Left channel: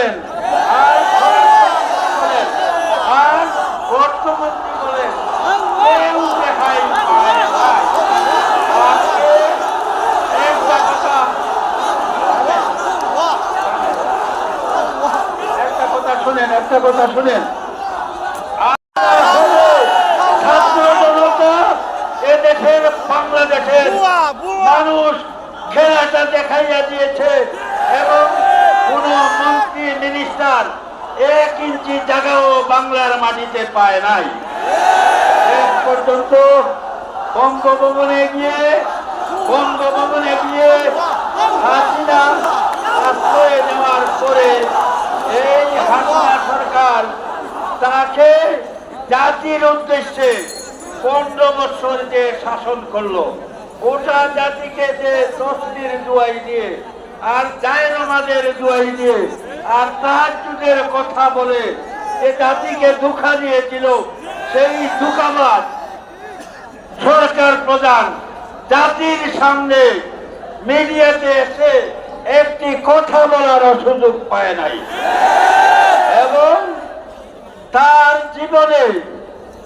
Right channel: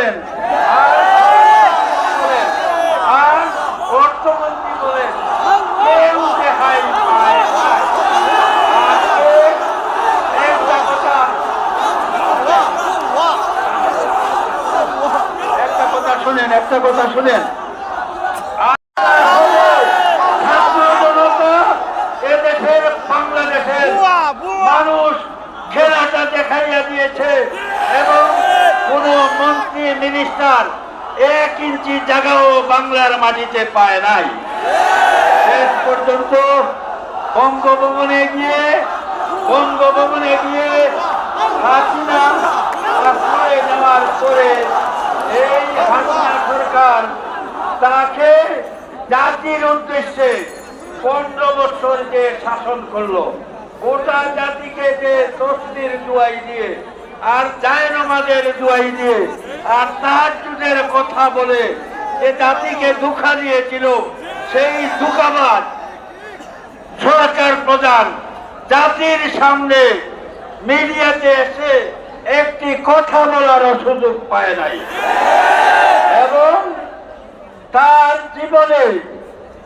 বলেন, আর অর্থমন্ত্রী বলেন, একটা কথা শুনেন, এদেশের বাংলাদেশের মানুষ খেলাটা দেখাইয়া দিয়েছে এবং কোন মন্ত্রী মিনিস্টার 1 ইঞ্চি জায়গাও বাংলার মাটিতে পায় নাই। শেষ পর্যন্ত বঙ্গভবনে গিয়ে হাসিনা আশ্রয় নেওয়ার পরে এই হাসিনা সরকার তাকে জাতির উদ্দেশ্যে 15 বছর যে শাসন করলো, ওটা জাতিকে যে তসবির দোয়াই দিয়ে আর জায়নামাজের দোয়াই দিয়ে আর তাহাজ্জুদের কথা বলে যে জাতিকে ধোঁকা দিয়েছিল, সেই ধোঁকাবাজ সরকার প্রধান জাতির সামনে মিডিয়াতে এসে একটি কথা বলার সুযোগ পায় নাই এবং তার জীবনে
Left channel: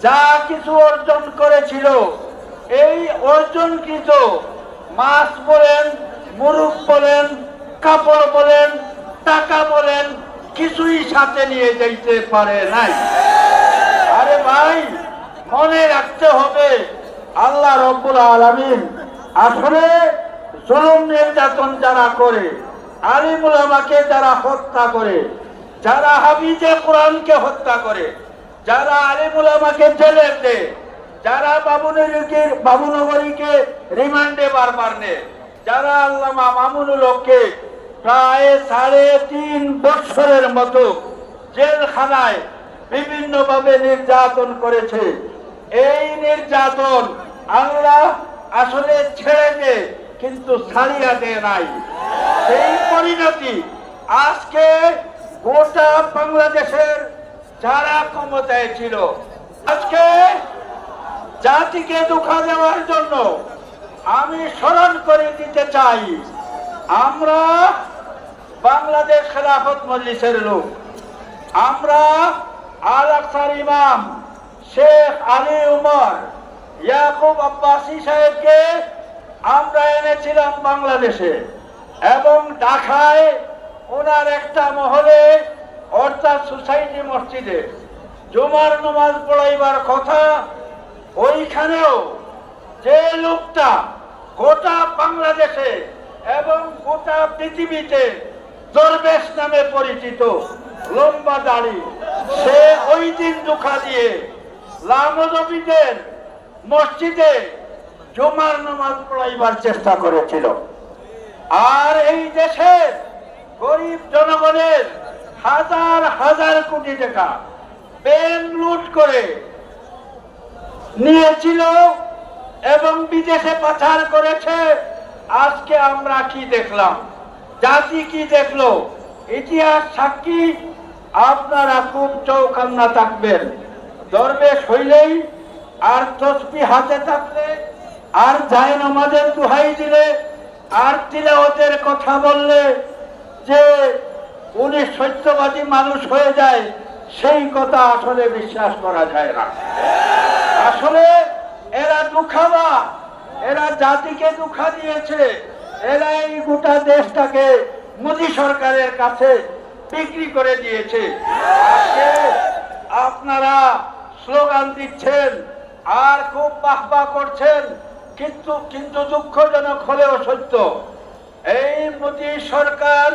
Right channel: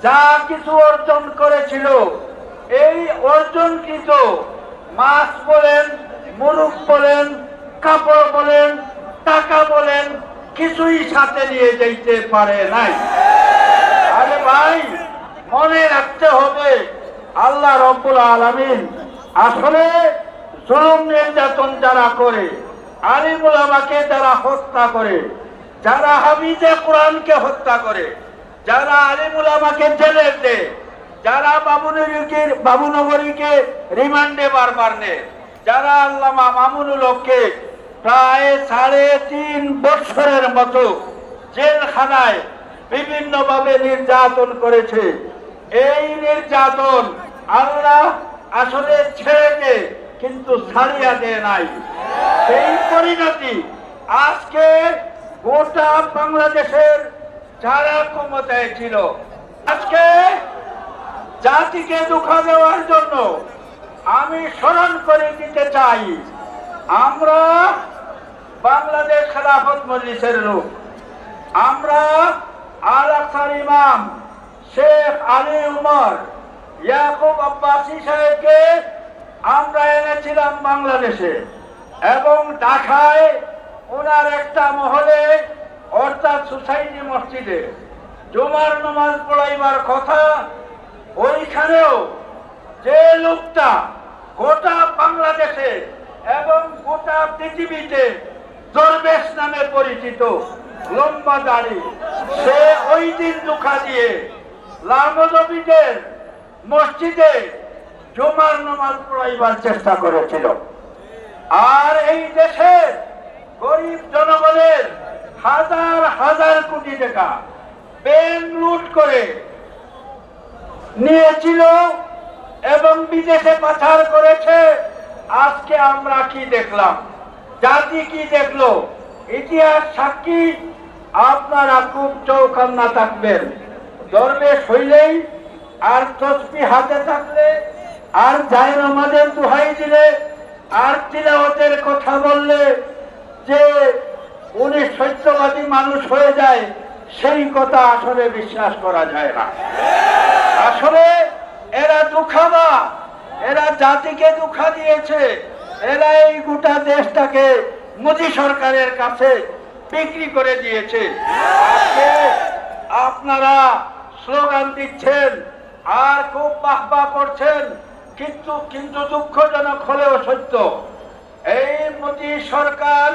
যা কিছু অর্জন করেছিল, এই অর্জনকৃত মাছ বলেন, মুরুখ বলেন, কাপড় বলেন, টাকা বলেন, কিছুই সাথে নিয়ে যেতে পারে নাই। আরে ভাই, মনে রাখতে হবে, আল্লাহ রব্বুল আলামিন আসলে জুলুম নির্যাতন যারা করে, আলিম উলামাকে যারা হত্যা করে, যারা হাফিজে কোরআনকে হত্যা করে, যারা আলিম উলামাকে জেলে দেয়, যারা বাবুনগরীকে রিমান্ডে বারবার নেয়, যারা আল্লামা মামুনুল হককে প্রায় 3.5 বছরের মতো জেলখানায় বিভিন্নভাবে নির্যাতন করেছে, এই নির্যাতন আল্লাহ আসলে ছেড়ে দেয় কিন্তু ছাড়িয়া দেয় নাই। সেই পরিণতি আজকে গোটা বাংলাদেশের যারা ক্ষমতায় ছিল, আজকে জাতিকে ধোঁকা দেওয়ার জন্য আমি স্মরণ করে দিতে চাই, আমরা বাংলাদেশ খেলাফত মজলিসের লোক, আমরা আল আকসার ইমাম শেখ আলী উমর ইয়াকুব আব্বাসী সাহেবকে আমরা এনেছিলাম বাংলাদেশে এবং ঢাকায় ওনার একটা মহলে অর্থাৎ সোসাইটি মসজিদে জুমার নামাজ পড়াইবার কথা। ওইখানেও যে লোকটা গোটা বাংলাদেশে এবং গোটা পৃথিবীতে দরবেশ নামে পরিচিত, লম্বা দাড়ি, সে ওই দিন ধোঁকা দিয়ে লালনবীদের মসজিদে জুমার নামাজ পড়াইবার চেষ্টা করেছিল। আর এই দেশের গরিব জনগণের হাজার হাজার কোটি টাকা ব্যাংক লুট করে নিয়েছিল এবং বিদেশে পাচার করেছে। আজকে আমরা কি দেখলাম, জাতি কি দেখলো, ইতিহাস সাক্ষী। আপনারা খুব চৌকান্না থাকবেন, দরবেশ হইলেই আর তসবি হাতে থাকলে আর জায়নামাজের দোহাই দিলে আর তিলাওয়াতের কথা বললে যে উনি সত্যবাদী মানুষ হয়ে যায়, সেই কথা আসলে বিশ্বাস করা যায় না। আসলে এরা ধোঁকাবা, এরা জাতিকে ধোঁকা দিয়েছে, এরা এই গোটা দেশটাকে মোদী সরকারের কাছে বিক্রি করে দিয়েছে। আজকে আপনারা স্লোগান দিচ্ছেন আর খুব বাহবা করছেন, কিন্তু দুঃখজনক হলেও সত্য, এই মোদী সরকার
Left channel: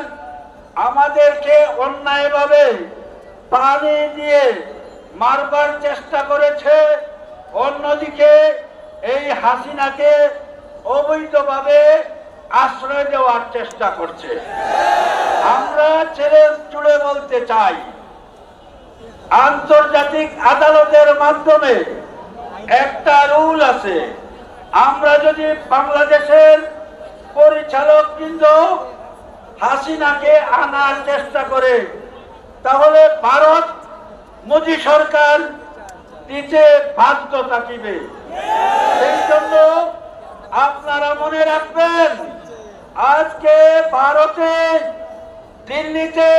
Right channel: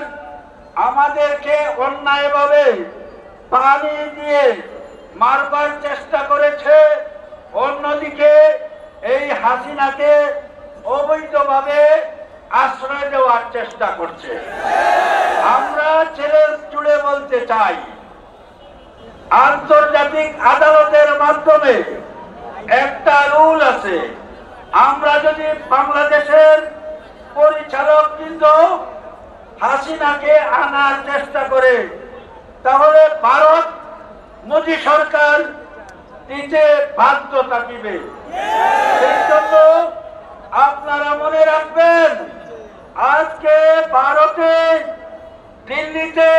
আমাদেরকে অন্যায়ভাবে পানি দিয়ে মারবার চেষ্টা করেছে, অন্যদিকে এই হাসিনাকে অবৈধভাবে আশ্রয় দেওয়ার চেষ্টা করছে। আমরা চ্যালেঞ্জ জুড়ে বলতে চাই, আন্তর্জাতিক আদালতের মাধ্যমে একটা রুল আছে, আমরা যদি বাংলাদেশের পরিচালক কিন্তু হাসিনাকে আনার চেষ্টা করে, তাহলে ভারত মোদী সরকার দিতে বাধ্য থাকিবে। সেই জন্য আপনারা মনে রাখবেন, আজকে ভারতে দিল্লিতে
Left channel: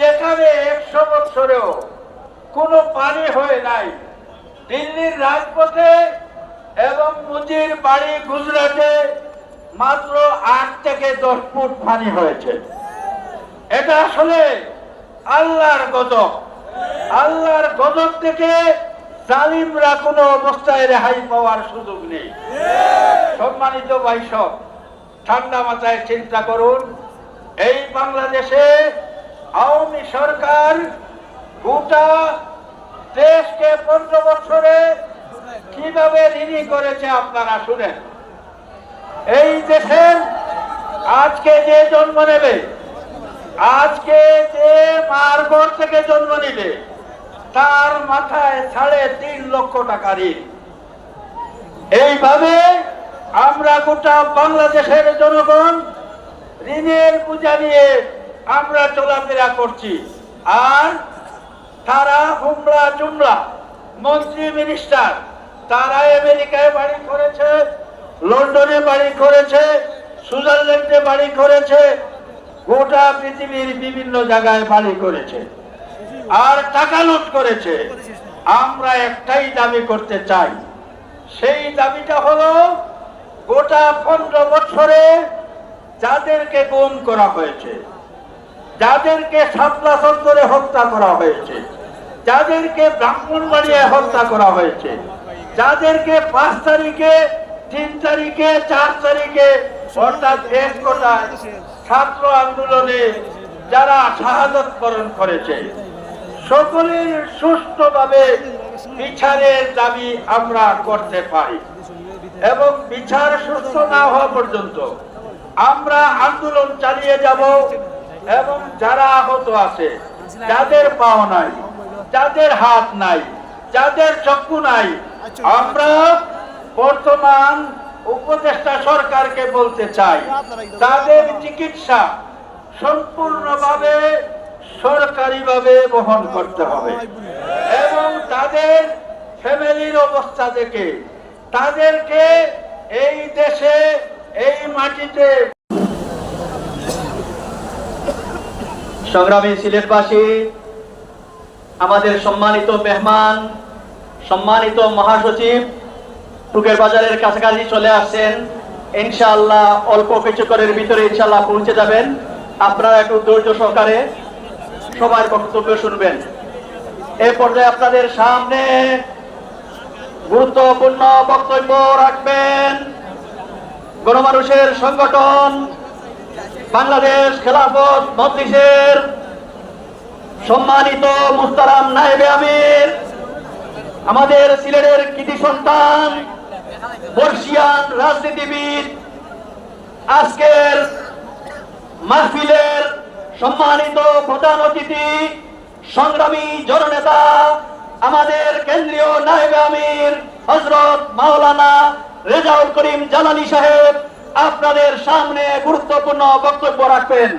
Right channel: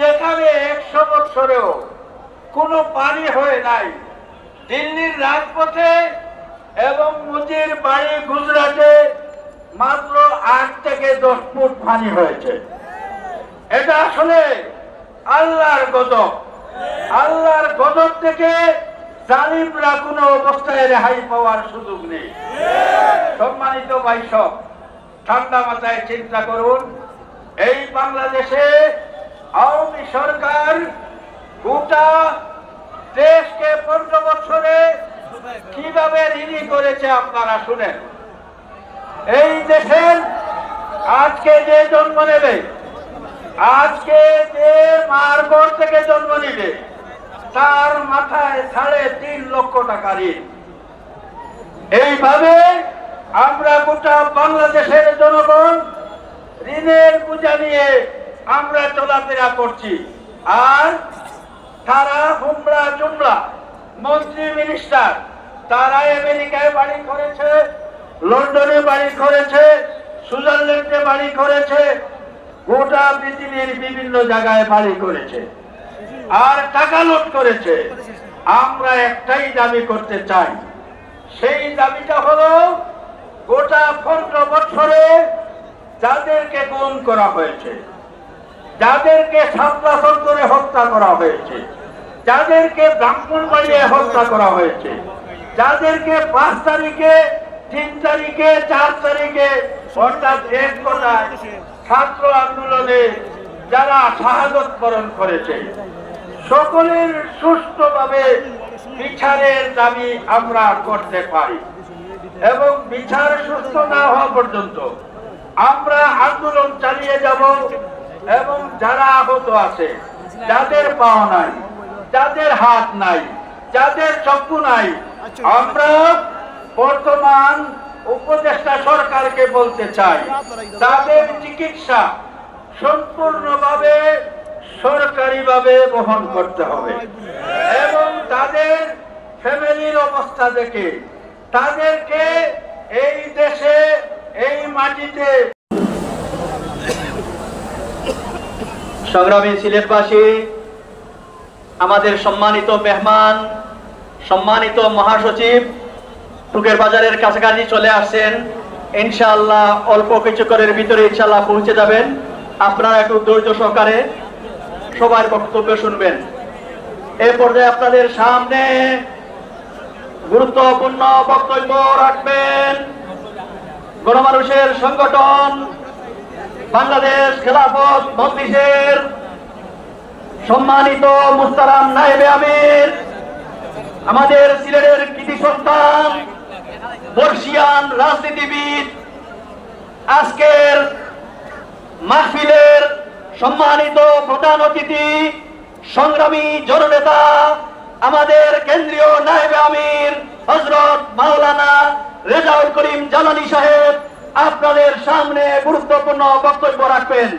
যেখানে 100 বছরেও কোনো পানি হয় নাই, দিল্লির রাজপথে এবং মুজির বাড়ি গুজরাটে মাত্র 8 থেকে 10 ফুট পানি হয়েছে। এটা আসলে আল্লাহর গজব। আল্লাহর গজব থেকে জালিমরা কোনো অবস্থায় রেহাই পাওয়ার সুযোগ নেই। সম্মানিত ভাই সব, ঠান্ডা মাথায় চিন্তা করুন, এই বাংলাদেশে আওয়ামী সরকার গোটা দেশকে 15 বছরে কিভাবে ঋণী করেছে আপনারা শুনেন। এই দেশের আজকে যে জন্ম নেবে, আজকে যে মার ঘর থেকে জন্ম নিবে, তার মাথায় 3.5 লক্ষ টাকা ঋণ। এইভাবে আমরা গোটা বাংলাদেশের জনগণ ঋণের বোঝা নিয়ে আমরা চলাফেরা করছি। আর তারা হুমরা চুমরা মন্ত্রী মিনিস্টার, তারা আমেরিকায় বাড়ি করেছে, লন্ডনে বাড়ি করেছে, সুইজারল্যান্ডে বাড়ি করেছে, গোটা পৃথিবীর বিভিন্ন জায়গায় বাড়ি করেছে আর টাকা লুট করেছে। আমরা একটাই দাবি করতে চাই, সেই দাবিটা হলো গোটা 15 বছরে যাদেরকে গুম করা হয়েছে, যাদেরকে সাতলাসন করে হত্যা করা হয়েছে, যাদেরকে ব্রাহ্মণবাড়িয়ে হত্যা করা হয়েছে, যাদেরকে 5 তারিখে, 3 তারিখে, 4 তারিখে অর্থাৎ এক কথায় ছাত্র আন্দোলনে যারা শাহাদত বরণ করেছে, সকলের সুষ্ঠুভাবে বিচারের দাবি আমরা করতে পারি এবং বিচার সুস্থ না হওয়া পর্যন্ত আমরা আন্দোলন চালিয়ে যাব। এবং যারা আহত আছে, যাদের পা নাই, যাদের হাত নাই, যাদের চক্ষু নাই, আমরা বর্তমান উপদেষ্টা সরকারকে বলতে চাই, তাদের চিকিৎসা সম্পূর্ণভাবে সরকারিভাবে বহন করতে হবে এবং তাদের ফ্যামিলির অবস্থা দেখে তাদেরকে এই দেশে, এই মাটিতে। সংগ্রামী সিলেটবাসী, আমাদের সম্মানিত মেহমান, সম্মানিত মহাসচিব টুকের বাজারের কাছাকাছি চলে আসছেন। ইনশাআল্লাহ অল্প কিছুক্ষণের ভিতরে ইনশাআল্লাহ পৌঁছে যাবেন। আপনারা একটু ধৈর্য সহকারে সবার বক্তব্য শুনবেন। এ পর্যায়ে আপনাদের সামনে গুরুত্বপূর্ণ বক্তব্য রাখবেন গণমানুষের সংগঠন বাংলাদেশ খেলাফত মজলিসের সম্মানিত মুহতারাম নায়েবে আমির, আমাদের সিলেটের কৃতি সন্তান, বর্ষিয়ান রাজনীতিবিদ, আজকের মাহফিলের সম্মানিত প্রধান অতিথি, সংগ্রামী জননেতা, আমাদের কেন্দ্রীয় নায়েবে আমির হযরত মাওলানা রেজাউল করিম জালানী সাহেব আপনাদের সামনে গুরুত্বপূর্ণ বক্তব্য রাখবেন।